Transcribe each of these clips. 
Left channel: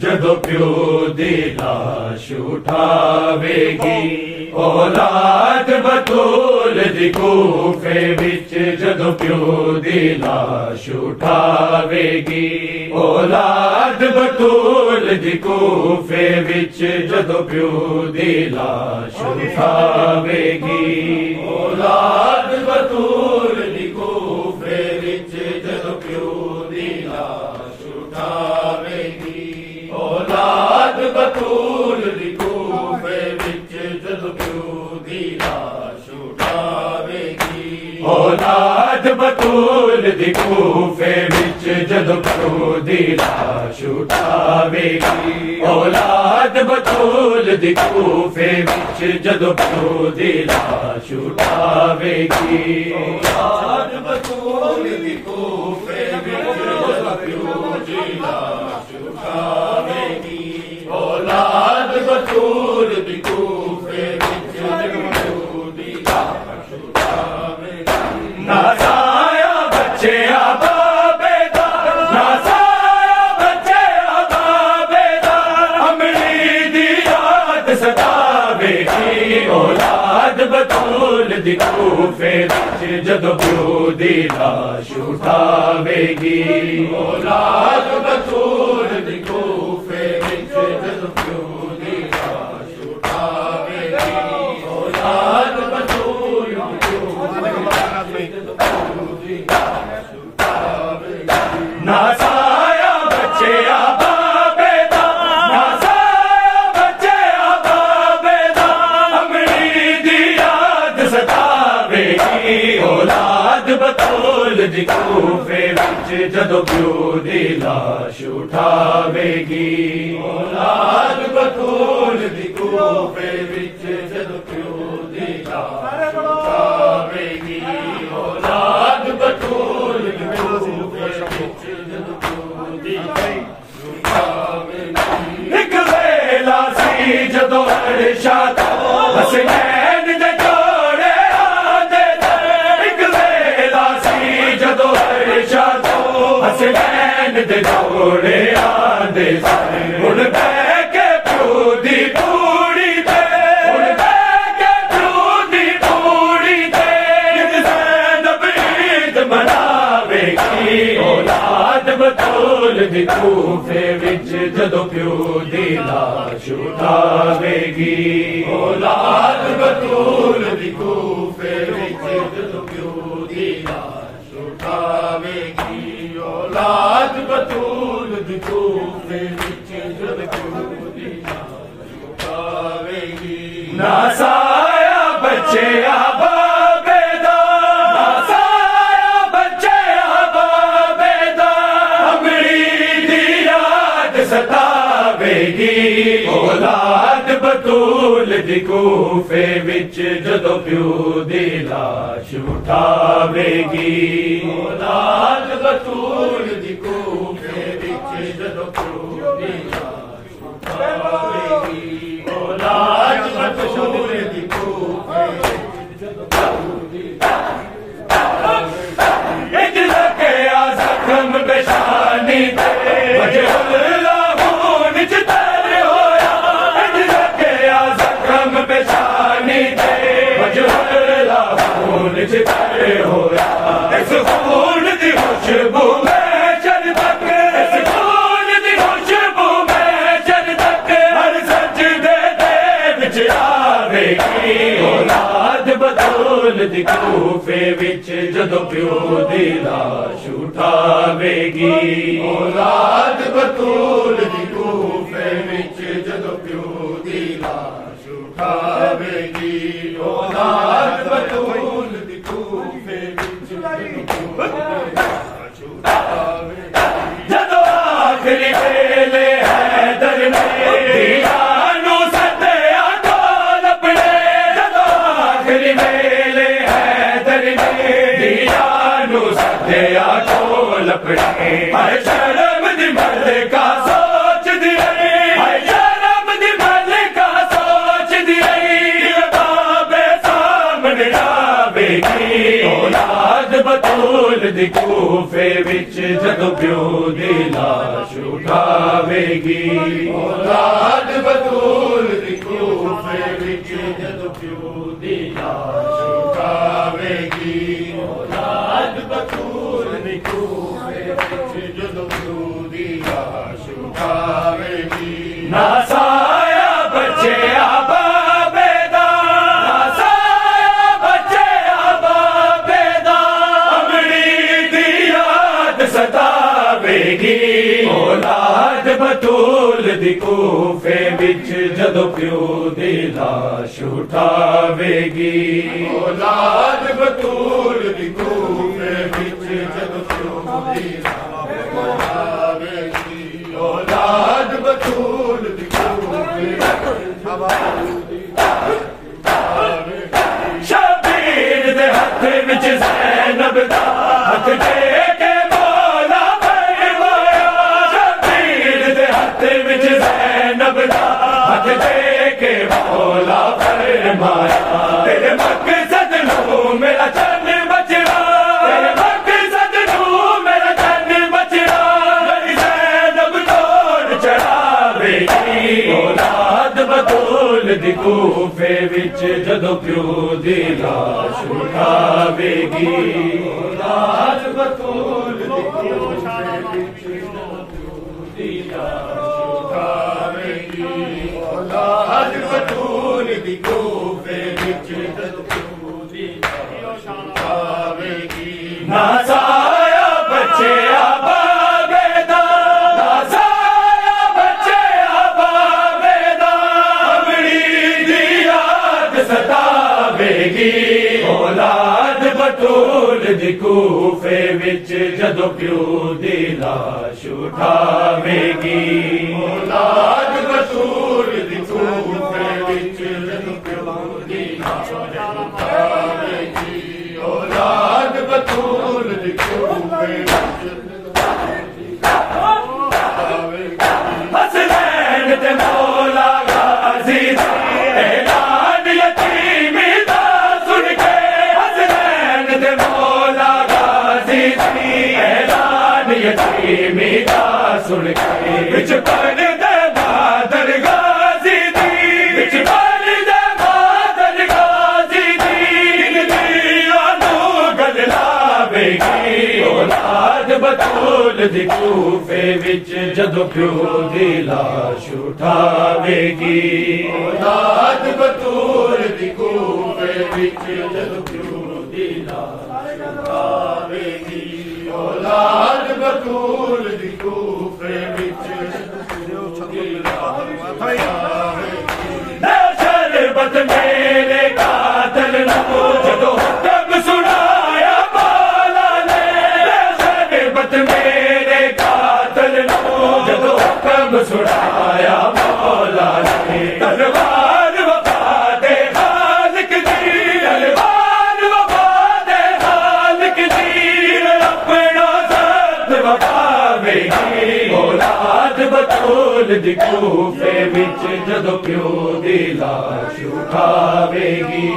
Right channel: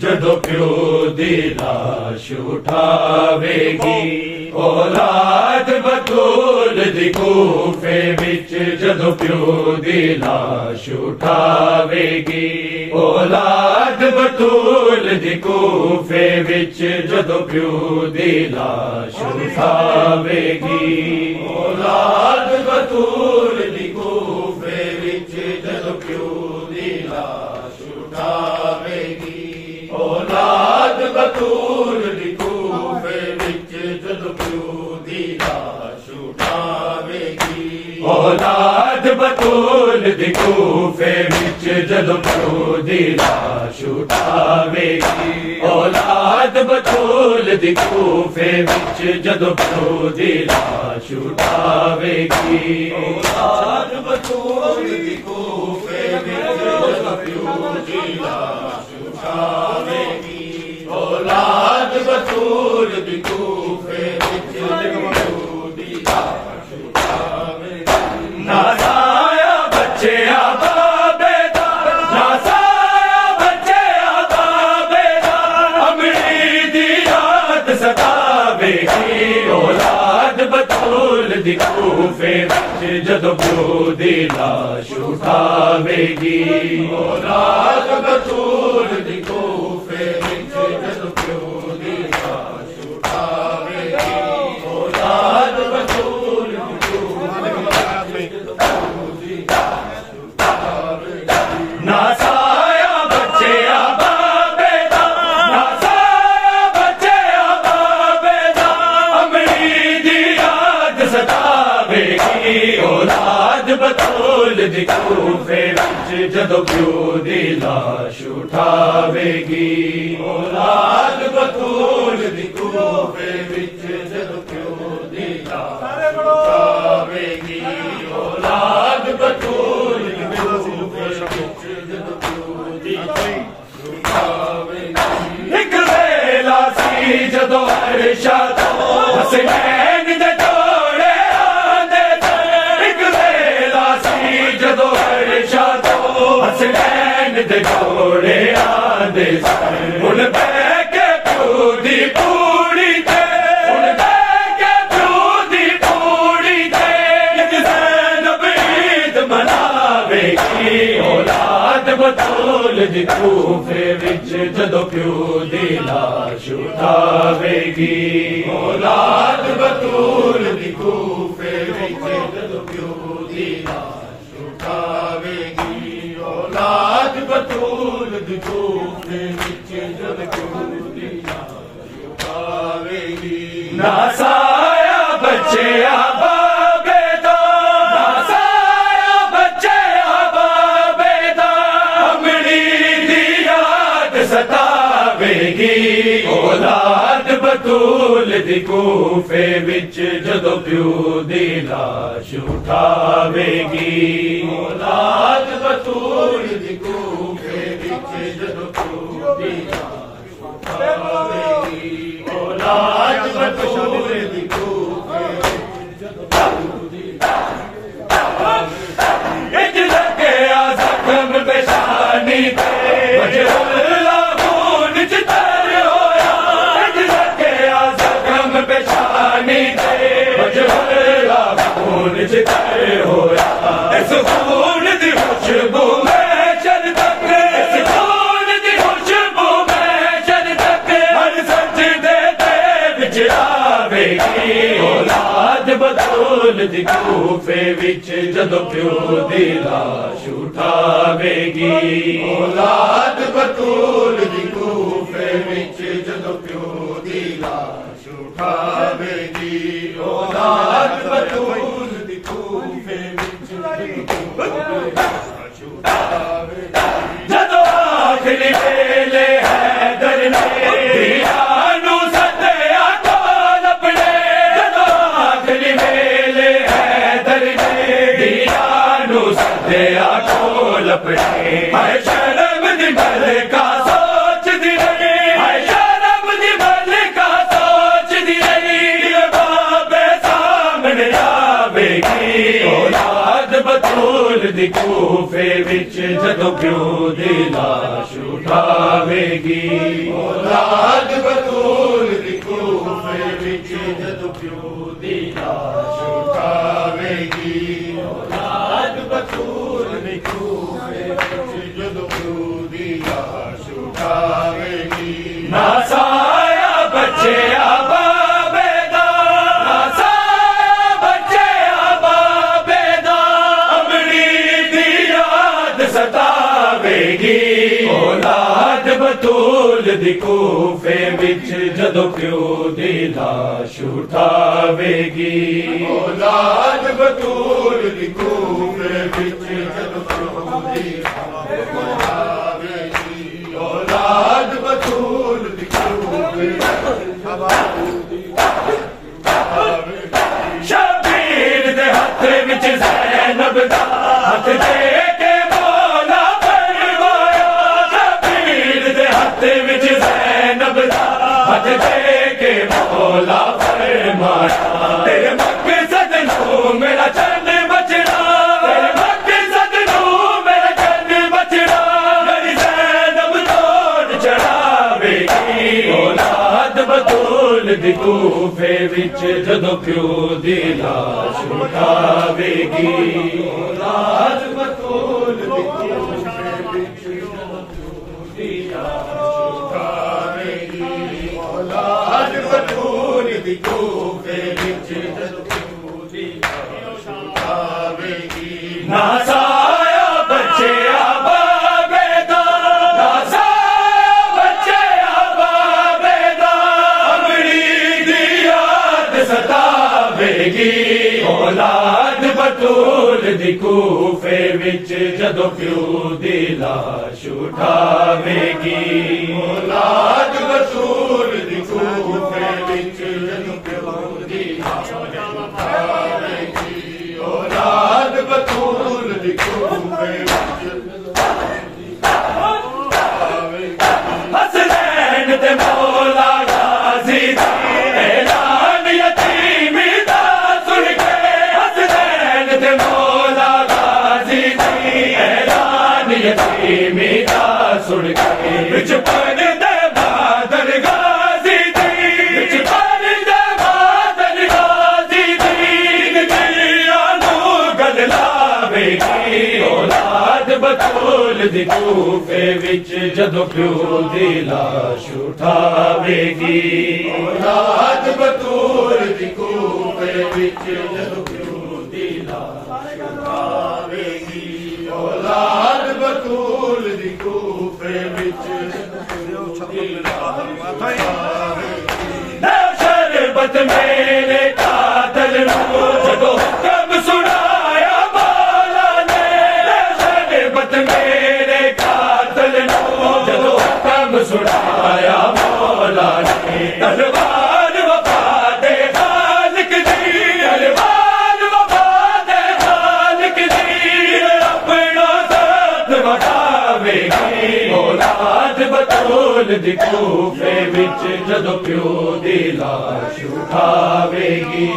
جدو پیو دی لاش اٹھاوے گی اولاد بطول دی کوفے وچ جدو پیو دی لاش اٹھاوے گی اولاد بطول دی کوفے وچ جدو پیو دی لاش اٹھاوے گی اولاد بطول دی کوفے وچ جدو پیو دی لاش اٹھاوے گی اولاد بطول دی کوفے وچ جدو پیو دی لاش اٹھاوے گی اولاد بطول دی کوفے وچ جدو پیو دی لاش اٹھاوے گی اولاد بطول دی کوفے وچ جدو پیو دی لاش اٹھاوے گی اولاد بطول دی کوفے وچ جدو پیو دی لاش اٹھاوے گی اولاد بطول دی کوفے وچ جدو پیو دی لاش اٹھاوے گی نازایا بچے آبابے دا نازایا بچے آبابے دا امری دی یاد ستاوے گی اولاد بطول دی کوفے وچ جدو پیو دی لاش اٹھاوے گی اولاد بطول دی کوفے وچ جدو پیو دی لاش اٹھاوے گی اولاد بطول دی نازایا بچے آبابے دا نازایا بچے آبابے دا امری دی یاد ستاوے گی اولاد بطول دی کوفے وچ جدو پیو دی لاش اٹھاوے گی اولاد بطول دی کوفے وچ جدو پیو دی لاش اٹھاوے گی اولاد بطول دی ایک ویلا سی جدو عرشا تو حسنین دے جوڑے آندے تھے ایک ویلا سی جدو عرشا تو حسنین دے جوڑے آندے تھے ان بے کے پیو دی پوڑی تے ان بے کے پیو دی پوڑی تے ایک زینب عید مناوے گی اولاد بطول دی کوفے وچ جدو پیو دی لاش اٹھاوے گی اولاد بطول دی کوفے وچ جدو پیو دی لاش اٹھاوے گی اولاد بطول دی کوفے وچ جدو پیو دی لاش اٹھاوے گی نازایا بچے آبابے دا نازایا بچے آبابے دا امری دی یاد ستاوے گی اولاد بطول دی کوفے وچ جدو پیو دی لاش اٹھاوے گی اولاد بطول دی کوفے وچ جدو پیو دی لاش اٹھاوے گی اولاد بطول دی کوفے وچ جدو پیو دی اج لگیا زخم بشانی پہ وجہ اللہ خون چتر ہویا اج لگیا زخم بشانی پہ وجہ اللہ خون چتر ہویا اس خون دی خوشبو میں شد تک اس خون دی خوشبو میں شد تک ہر سجدے دے وچ آوے گی اولاد بطول دی کوفے وچ جدو پیو دی لاش اٹھاوے گی اولاد بطول دی کوفے وچ جدو پیو دی لاش اٹھاوے گی اولاد بطول دی کوفے وچ جدو پیو دی لاش اٹھاوے گی جدو آخری ویلے حیدر نے دیانو سدیا کول اپنے جدو آخری ویلے حیدر نے دیانو سدیا کول اپنے ہر شرم دی ملکہ سوچ دی رہی ہر شرم دی ملکہ سوچ دی رہی بابے سا دی کوفے وچ جدو پیو دی لاش اٹھاوے گی اولاد بطول دی کوفے وچ جدو پیو دی لاش اٹھاوے گی اولاد بطول دی کوفے وچ جدو پیو دی لاش اٹھاوے گی ناسایا بچے اولاد بطول دی کوفے وچ جدو پیو دی لاش اٹھاوے گی اولاد بطول دی کوفے وچ جدو پیو دی لاش اٹھاوے گی اولاد بطول دی کوفے شبیر دے ہاتھ وچ زینب دا ہاتھ دے کے مولا زینب دا ہاتھ دے کے مولا فرمایا تیرے مقصد نو میرا چند بچڑا تیرے مقصد نو میرا چند بچڑا میری زینب توڑ چڑھاوے گی اولاد بطول دی کوفے وچ جدو پیو دی لاش اٹھاوے گی اولاد بطول دی کوفے وچ جدو پیو دی لاش اولاد بطول دی کوفے وچ جدو پیو دی لاش اٹھاوے گی ناسایا بچے آبابے دا ناسایا بچے آبابے دا امری دی یاد ستاوے گی اولاد بطول دی کوفے وچ جدو پیو دی لاش اٹھاوے گی اولاد بطول دی کوفے وچ جدو پیو دی لاش اٹھاوے گی اولاد بطول دی کوفے وچ حسنین تے مولا غازی دی اعلان یتیمی دا سن کے حسنین تے مولا غازی دی اعلان یتیمی دا سن کے وچ پردے بادل غازی دی وچ پردے بادل غازی دی دلیاں نو گل لاوے گی اولاد بطول دی کوفے وچ جدو پیو دی لاش اٹھاوے گی اولاد بطول دی کوفے وچ جدو پیو دی لاش اٹھاوے گی اولاد بطول دی کوفے وچ شربت میرے قاتل نو جدو حکم سنایا مولا نے شربت میرے قاتل نو جدو حکم سنایا مولا نے تلوار وفا دے خالق دی تلوار وفا دے خالق دی اپنا ذات وٹاوے گی اولاد بطول دی کوفے وچ جدو پیو دی لاش اٹھاوے گی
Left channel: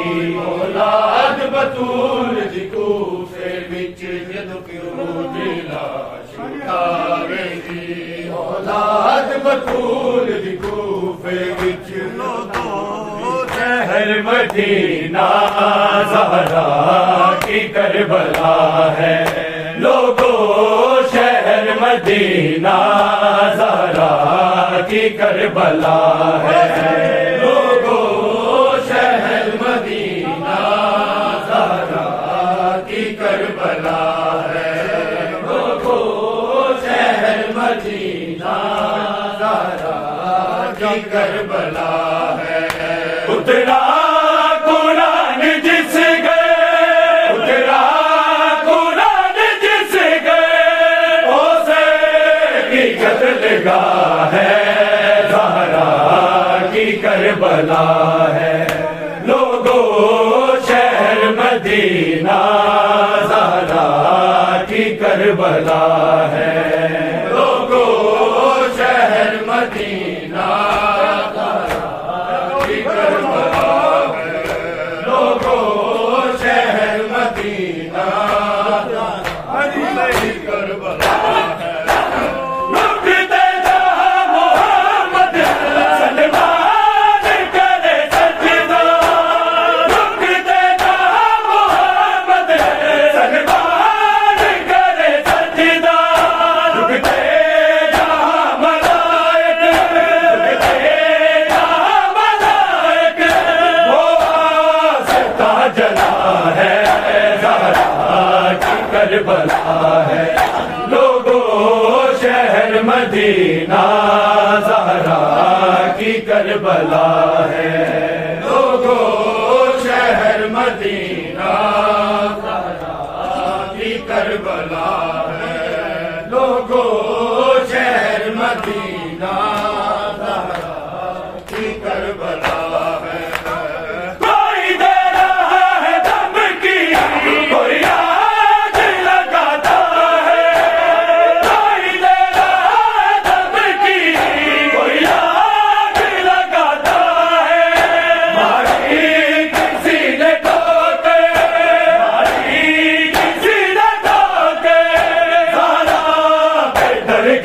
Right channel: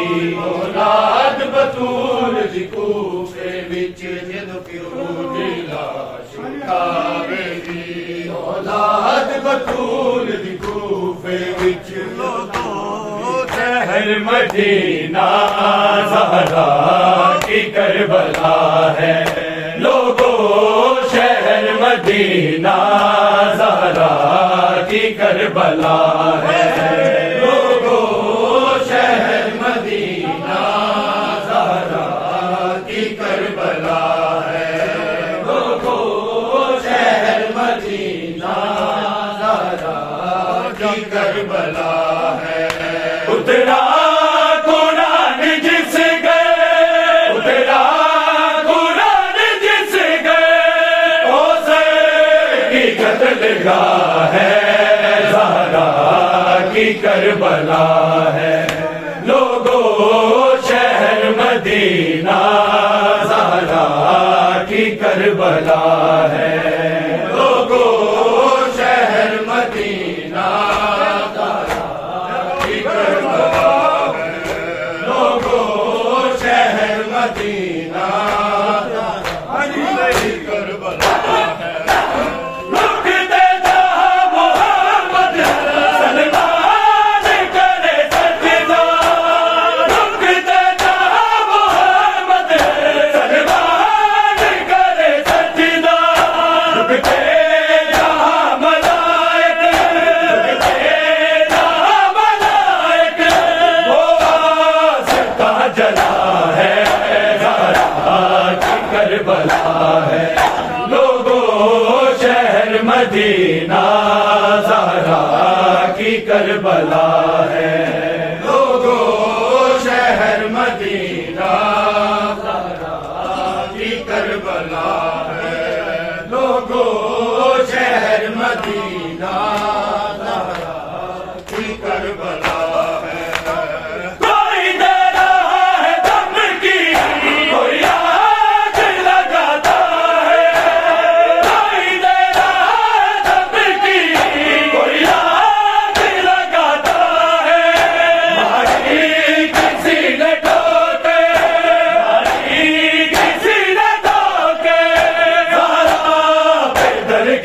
اولاد بطول دی کوفے وچ جدو پیو دی لاش اٹھاوے گی اولاد بطول دی کوفے وچ لوگو شہر مدینہ زہرا کی کربلا ہے لوگو شہر مدینہ زہرا کی کربلا ہے لوگو شہر مدینہ زہرا کی کربلا ہے لوگو شہر مدینہ زہرا کی کربلا ہے اترا قرآن جس گئے اترا قرآن جس گئے اسے کی قتل گاہ ہے زہرا کی کربلا ہے لوگو شہر مدینہ زہرا کی کربلا ہے لوگو شہر مدینہ زہرا کی کربلا ہے لوگو شہر مدینہ جلا ہے زہرا کی کربلا ہے لوگوں شہر مدینہ زہرا کی کربلا ہے لوگوں شہر مدینہ زہرا کی کربلا ہے لوگوں شہر مدینہ زہرا کی کربلا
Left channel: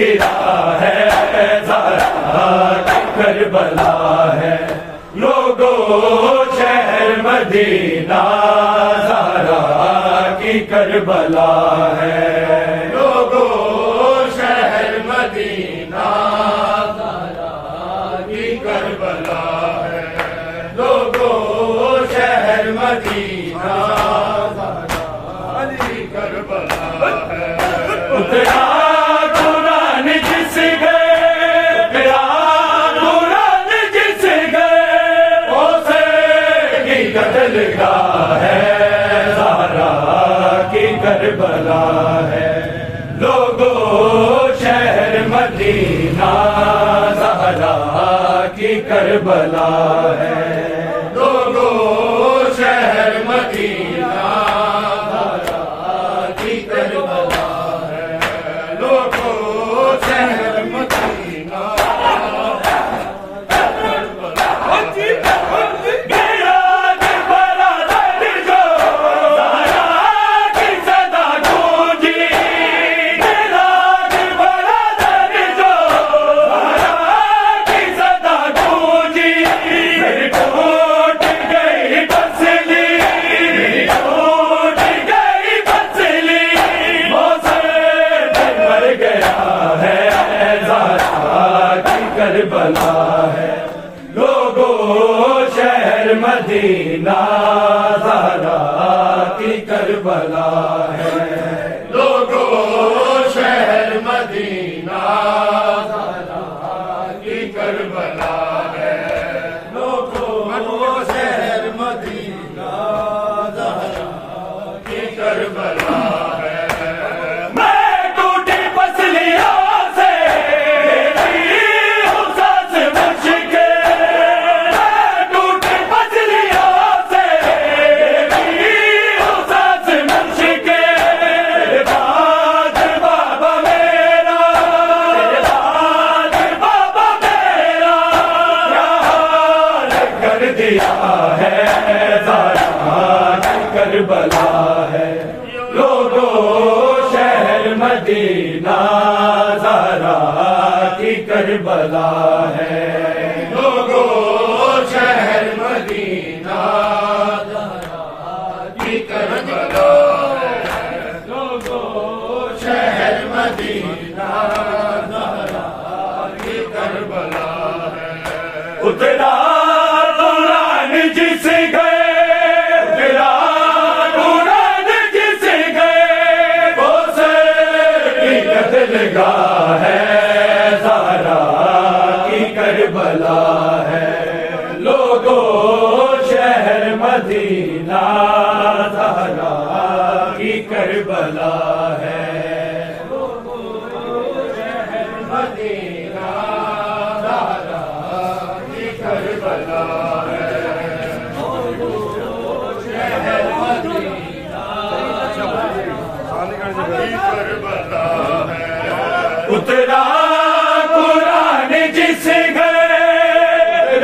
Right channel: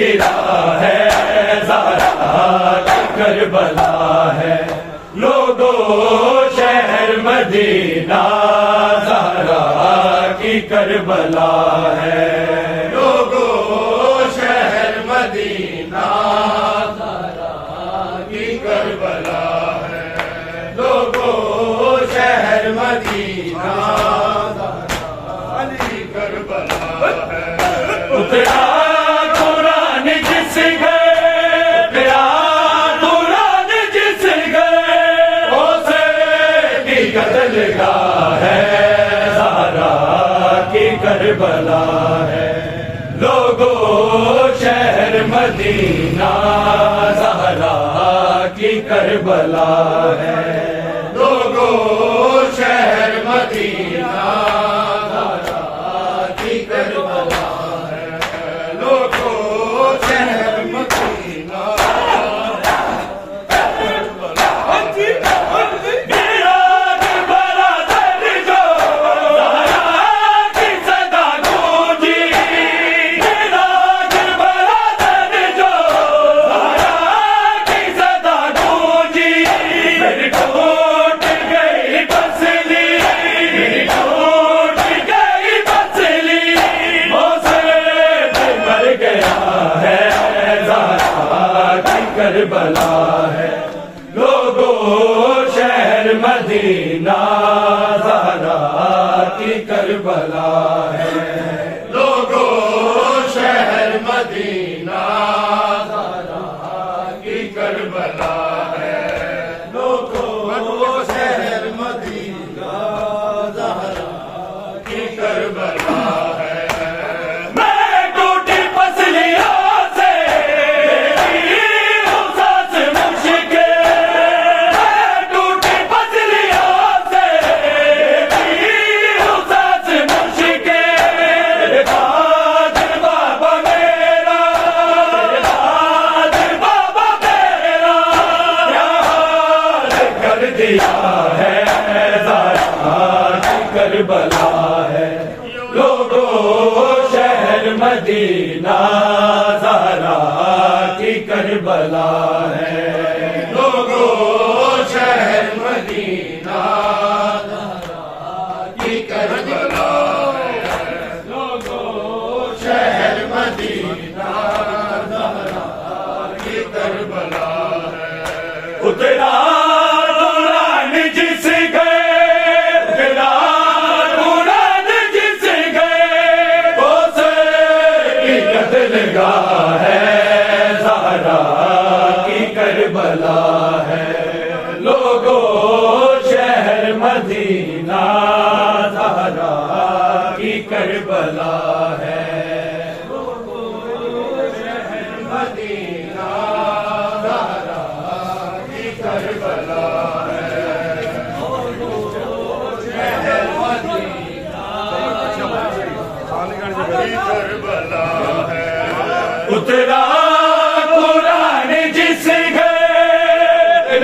گرا ہے زہرا کی کربلا ہے لوگوں شہر مدینہ زہرا کی کربلا ہے لوگوں شہر مدینہ زہرا کی کربلا ہے لوگوں شہر مدینہ زہرا کی کربلا ہے اترا قتل گاہ ہے زہرا کی کربلا ہے لوگوں شہر مدینہ زہرا کی کربلا ہے لوگوں شہر مدینہ زہرا کی کربلا ہے لوگوں شہر مدینہ کربلا ہے لوگوں شہر مدینہ زہرا کی کربلا ہے لوگوں شہر مدینہ زہرا کی کربلا ہے لوگوں شہر مدینہ زہرا کی کربلا ہے میں ٹوٹی پسلیوں ہے زہرا کی کربلا ہے لوگوں شہر مدینہ زہرا کی کربلا ہے لوگوں شہر مدینہ زہرا کی کربلا ہے لوگوں شہر مدینہ زہرا کی کربلا ہے اترا جس گئے قرآن جس گئے کی قتل گاہ ہے زہرا کی کربلا ہے لوگوں شہر مدینہ زہرا کی کربلا ہے لوگوں شہر مدینہ زہرا کی کربلا کربلا ہے اترا قرآن جس گئے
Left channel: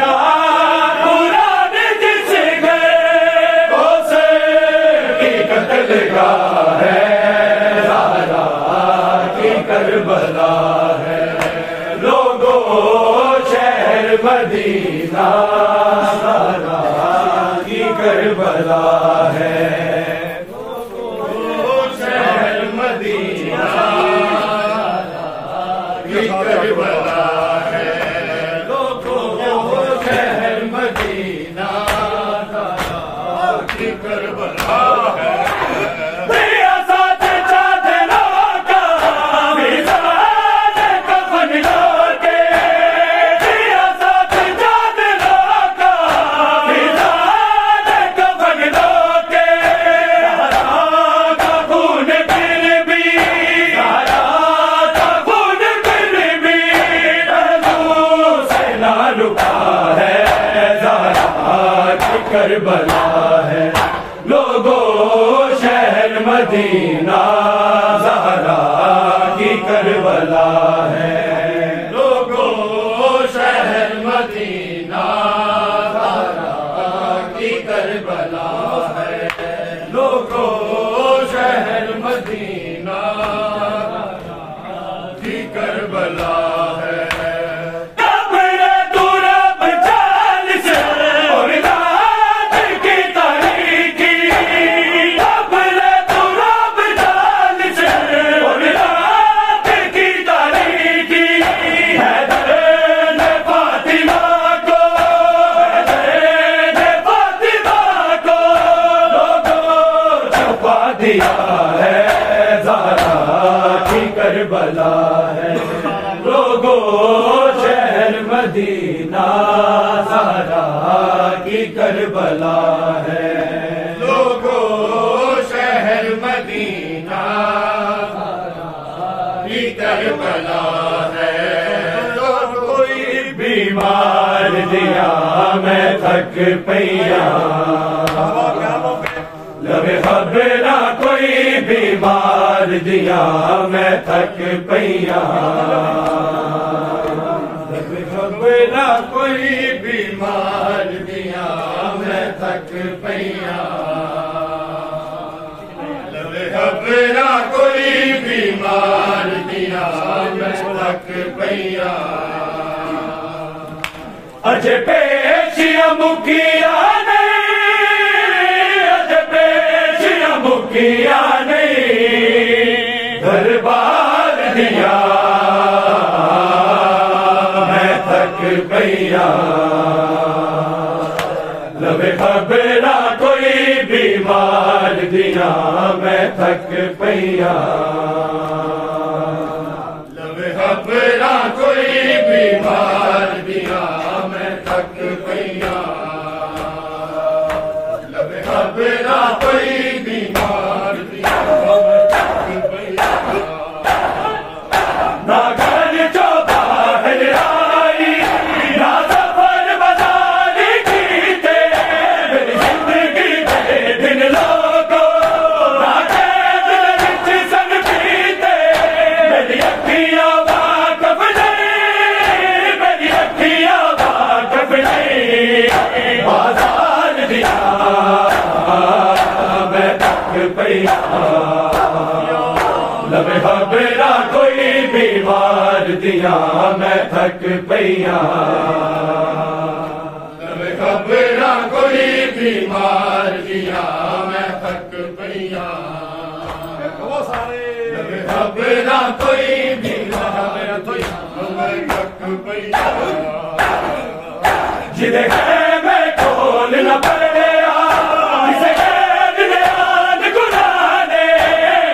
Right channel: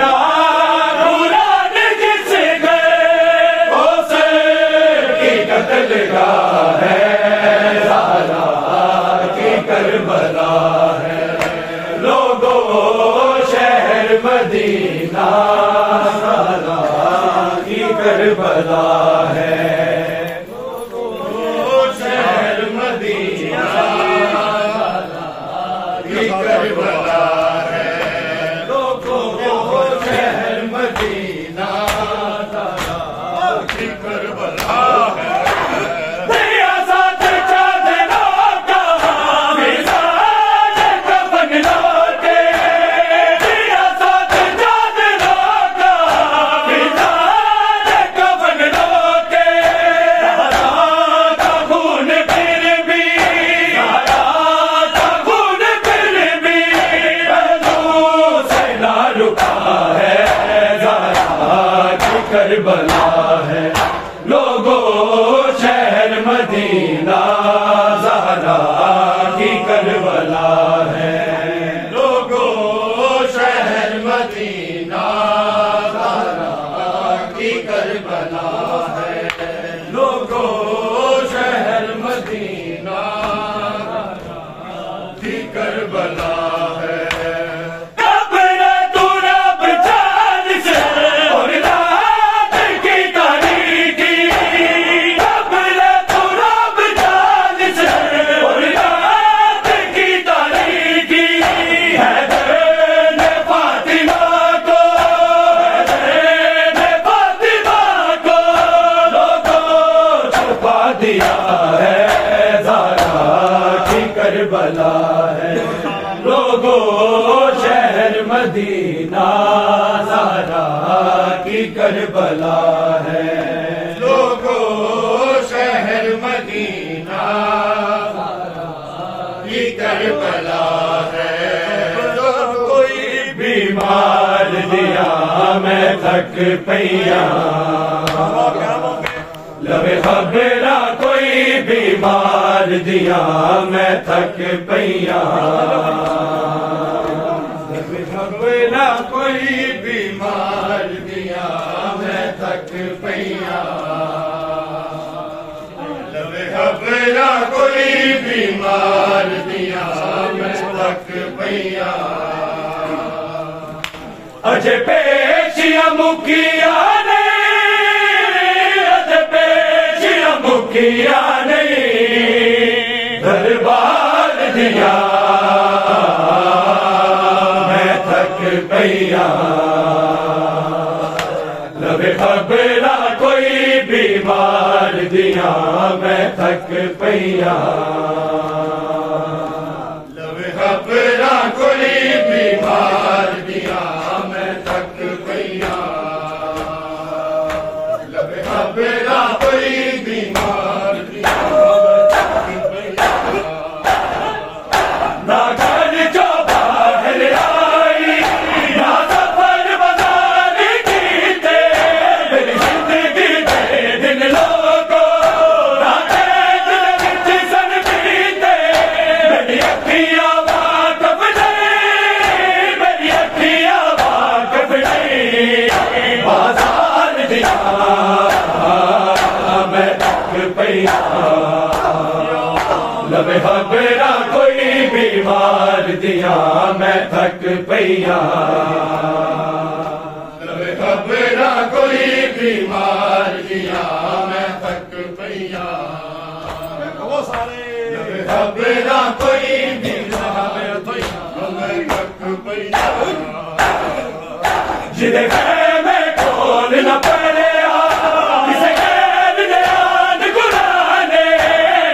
قرآن جس گئے کی قتل گاہ ہے زہرا کی کربلا ہے لوگوں شہر مدینہ زہرا کی کربلا ہے کربلا ہے لوگوں شہر مدینہ زہرا کی کربلا ہے ریاست چادروں کا میزان کفن لوٹے ریاست چادروں کا میزان کفن لوٹے زہرا کا خون پھر بھی زہرا کا خون پھر بھی پہلو سے نہ رکا ہے زہرا کی کربلا ہے لوگوں شہر مدینہ زہرا کی کربلا ہے لوگوں شہر مدینہ زہرا کی کربلا ہے لوگوں شہر مدینہ کی کربلا ہے قبر تو رب جان سے اور رات کی تاریکی قبر تو رب جان سے اور رات کی تاریکی حیدر نے فاطمہ کو حیدر نے فاطمہ کو لوگوں چھپا دیا ہے زہرا کی کربلا ہے لوگوں شہر مدینہ زہرا کی کربلا ہے لوگوں شہر مدینہ کی کربلا ہے کوئی بیمار دیا میں تھک پیا لب خبرہ کوئی بیمار دیا میں تھک پیا لب خبرہ کوئی بیمار دیا میں تھک پیا لب خبرہ کوئی بیمار دیا میں تھک پیا اجے پیشیاں مکیا نہیں اجے پیشیاں مکیا نہیں دربار دیا میں تھک پیا لب خبرہ کوئی بیمار دیا میں تھک پیا لب خبرہ کوئی بیمار دیا میں تھک پیا لب خبرہ کوئی بیمار دیا میں تھک پیا نہ گھر جو باہر آئی نہ سفر بازار کیتے میری زندگی کے دن لوگوں نہ قید وچ سن پیتے میری اکھیاں واقف نہیں میری اکھیاں واقف نہیں بازار دیا میں تھک پیا لب خبرہ کوئی بیمار دیا میں تھک پیا لب خبرہ کوئی بیمار دیا میں تھک پیا لب خبرہ کوئی بیمار دیا میں تھک پیا جدے میں کھول نہ پڑے جسے غیر نیان گلانے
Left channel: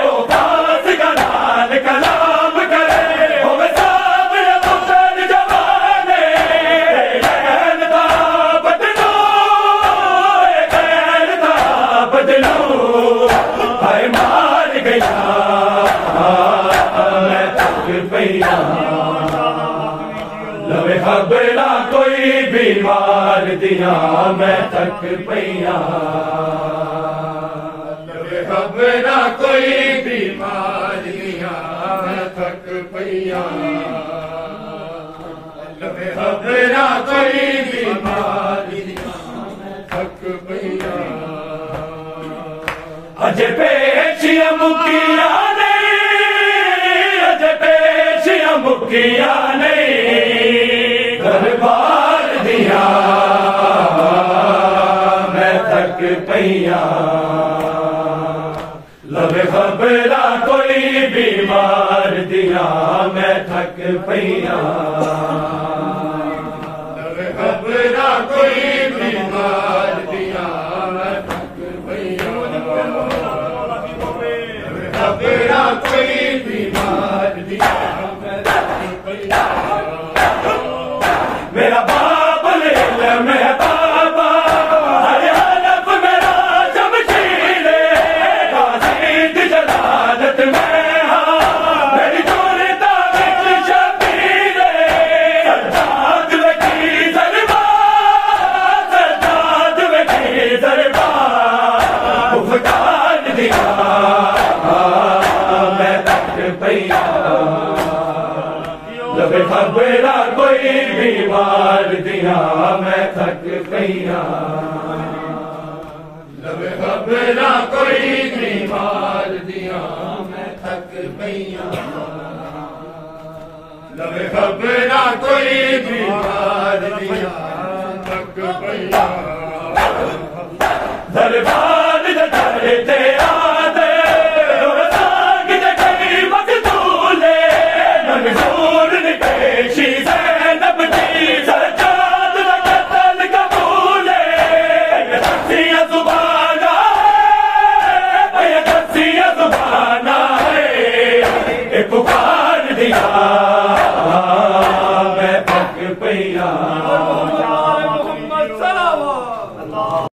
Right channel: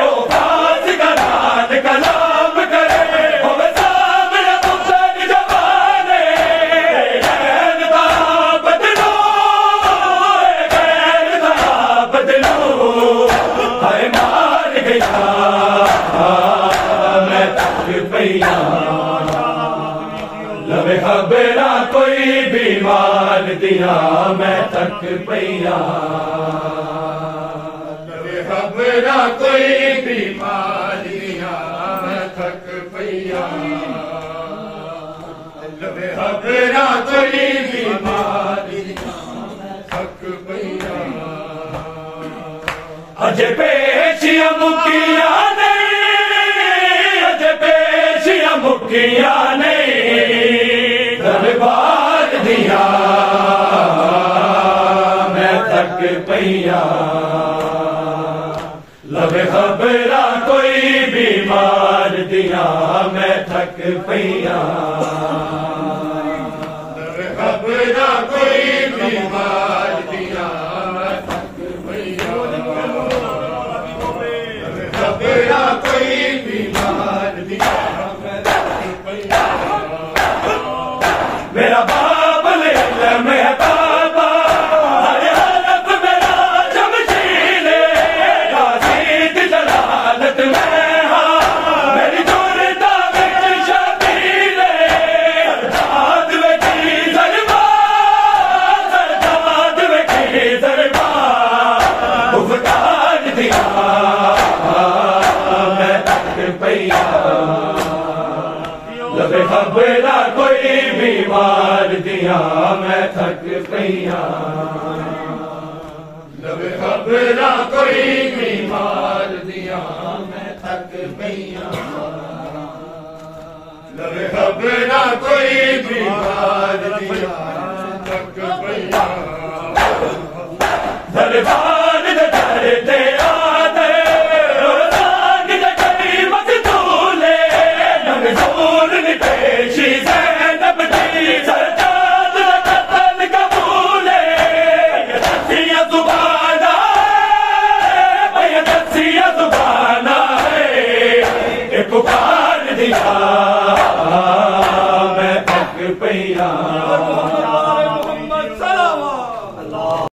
او پاس کا نان کلام کرے او سامنے پتر جوانے غیر دا بدلو غیر دا بدلو ہائے مار گیا میں تھک پیا لب خبرہ کوئی بیمار دیا میں تھک پیا لب خبرہ کوئی بیمار دیا میں تھک پیا لب خبرہ کوئی بیمار دیا میں تھک پیا اجے پیشیاں مکیا نہیں اجے پیشیاں مکیا نہیں دربار دیا میں تھک پیا لب خبرہ کوئی بیمار دیا میں تھک پیا لب خبرہ کوئی بیمار دیا میں تھک خبرہ کوئی بیمار دیا میں تھک پیا میرا باب العلم ہے بابا ہر حلف میرا شمشیرے غازی جلالت میں ہاں میری جورتا وچ شبیرے سرداد وچی دربار سرداد وچی دربار افتاد دیا میں تھک پیا لب خبرہ کوئی بیمار دیا میں تھک پیا لب خبرہ کوئی بیمار دیا میں تھک پیا لب خبرہ کوئی بیمار دیا تھک پیا دربار